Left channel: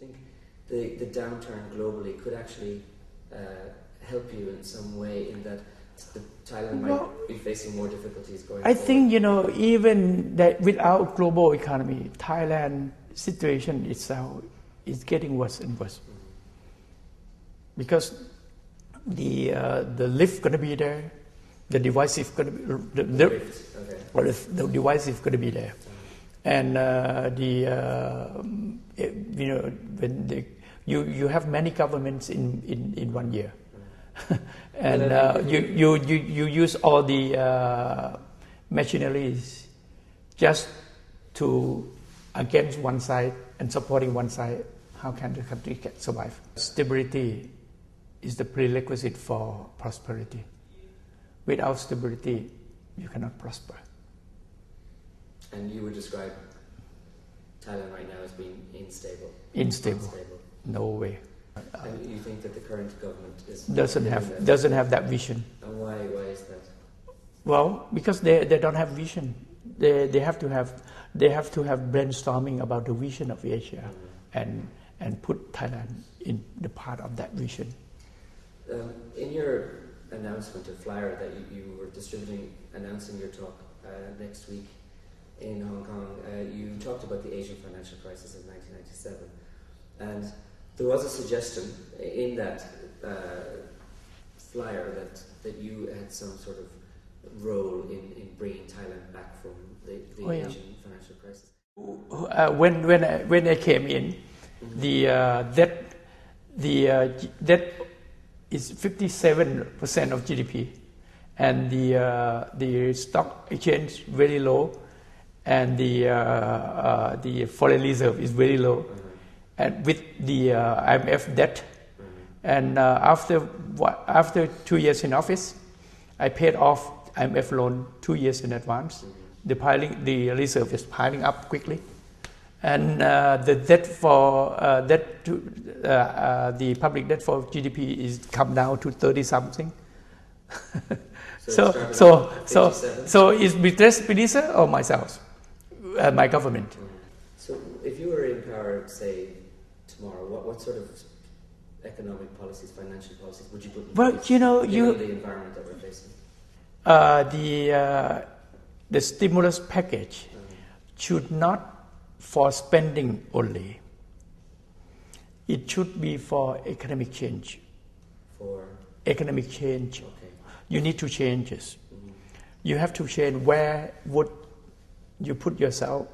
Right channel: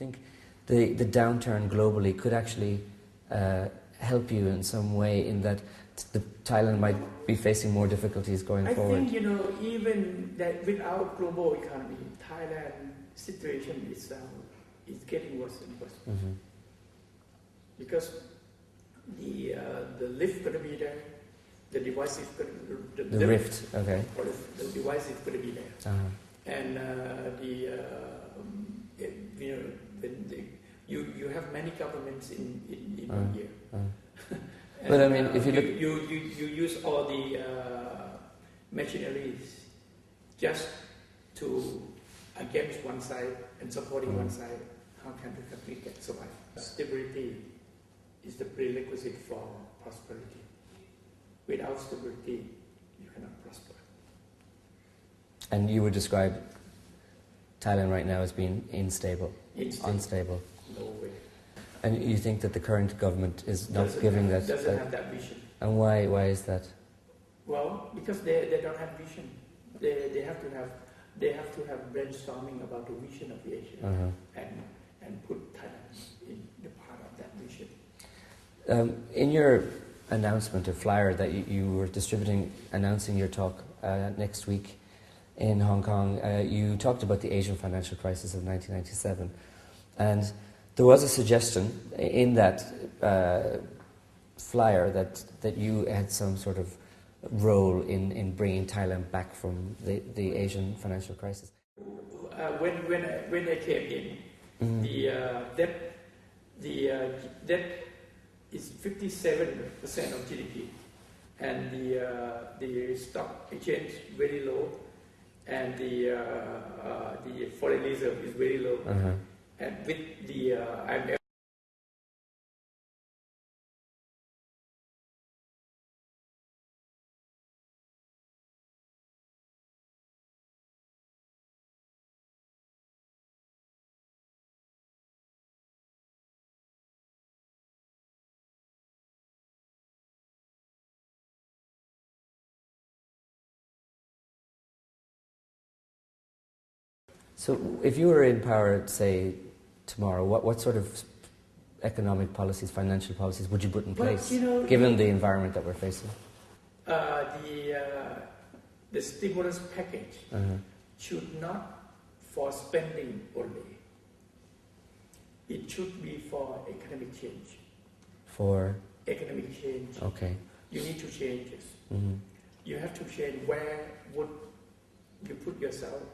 think the downturn globally could actually help you in some way, in that Thailand might be facing more difficulties going forward? I think, even that without global economy, Thailand situation itself is getting worse and worse. Mm-hmm. Because the lift going to be there, the device is going to be the rift, okay. Or the device is going to be there, and when you have many governments in 1 year, and you use all the machineries just to against one side and supporting one side. How can the country survive? Stability is the prerequisite for prosperity. Without stability, you cannot prosper. And you would describe Thailand right now as being unstable? Unstable. No way. And you think that the current government doesn't have that vision. And why is that? Well, because they don't have vision. They have to have brainstorming about the vision of Asia, and put Thailand in the part of that vision. In your announcement, a flyer that you were distributing, announcing your talk next week in Hong Kong, you talked about the Asian financial crisis of 1997, and there was a suggestion in that flyer that you had some sort of role in bringing Thailand back from the Asian financial crisis. When I came in, the debt is 57% of GDP, and the stock exchange very low, and the foreign reserve is very low, and with the IMF debt, and after 2 years in office, I paid off IMF loan 2 years in advance. The reserve is piling up quickly, and the debt for the public debt for GDP is come down to 30 something. So is Minister or myself, my government? So if you were in power, say tomorrow, what sort of economic policies, financial policies would you put in place, given the environment that we're facing? The stimulus package should not for spending only. It should be for economic change. For economic change. Okay. You need to change this. You have to change where would you put yourself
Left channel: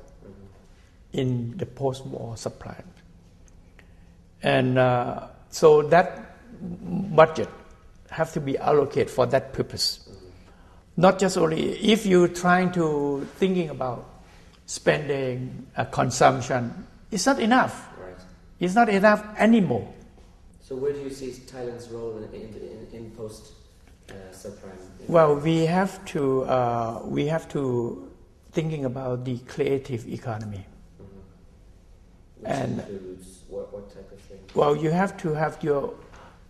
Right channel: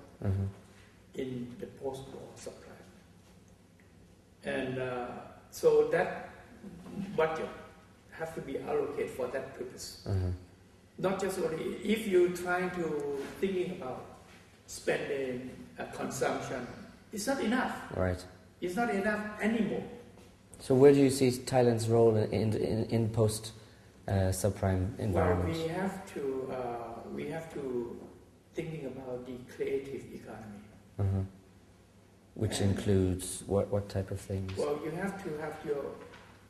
in the post-war supply. And so that budget have to be allocated for that purpose. Not just only if you're trying to thinking about spending, consumption, it's not enough. Right. It's not enough anymore. So where do you see Thailand's role in post subprime environment? Well, we have to thinking about the creative economy. Which includes what type of things? Well, you have to have your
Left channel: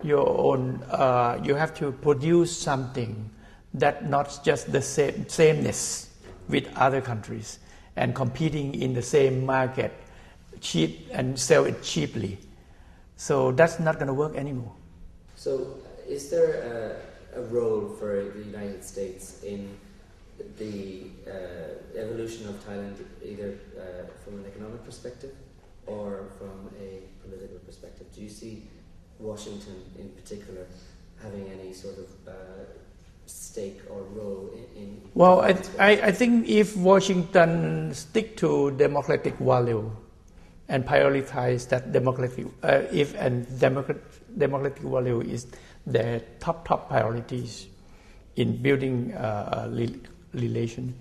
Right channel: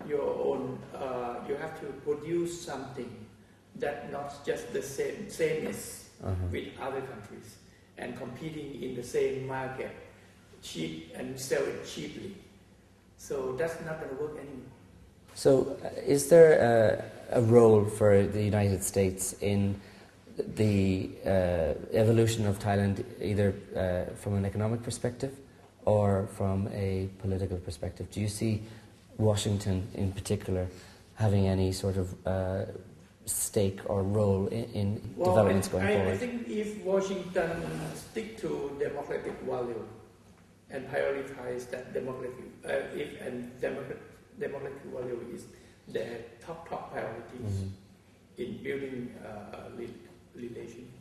own. You have to produce something that not just the sameness with other countries and competing in the same market, cheap and sell it cheaply. So that's not going to work anymore. So is there a role for the United States in the evolution of Thailand, either from an economic perspective or from a political perspective? Do you see Washington in particular having any sort of stake or role in well, I think if Washington stick to democratic value and prioritize that democratic democratic value is their top priorities in building relation,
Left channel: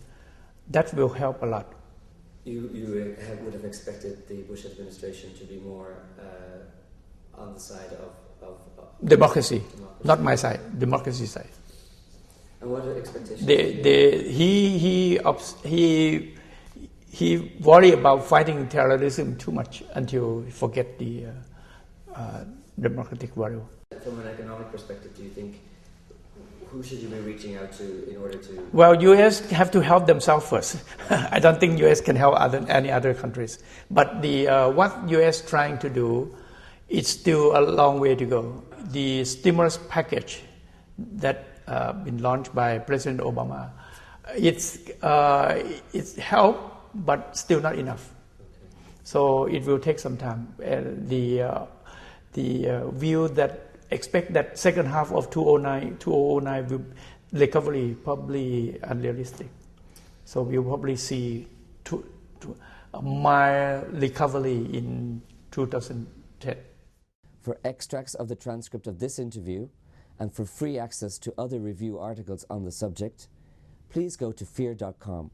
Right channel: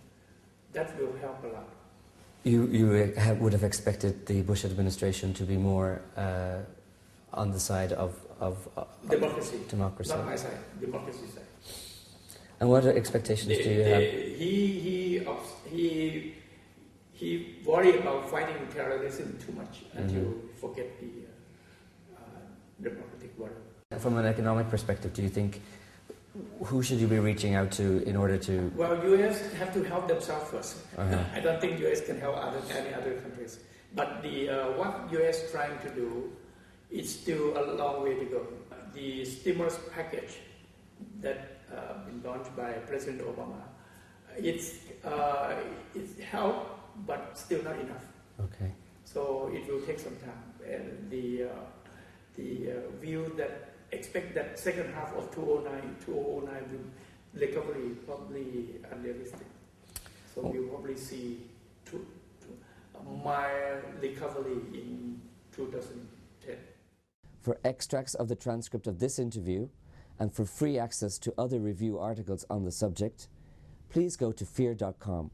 that will help a lot. You would have expected the Bush administration to be more on the side of democracy, not my side, democracy side. And what expectations do you have? He worry about fighting terrorism too much until he forget the democratic value. From an economic perspective, do you think who should you be reaching out to in order to? Well, U.S. have to help themselves first. I don't think U.S. can help any other countries. But what U.S. trying to do, it's still a long way to go. The stimulus package that been launched by President Obama, it's help, but still not enough. Okay. So it will take some time. The view that expect that second half of 2009 will recovery probably unrealistic. So we'll probably see a mild recovery in 2010. For extracts of the transcript of this interview and for free access to other review articles on the subject, please go to fear.com.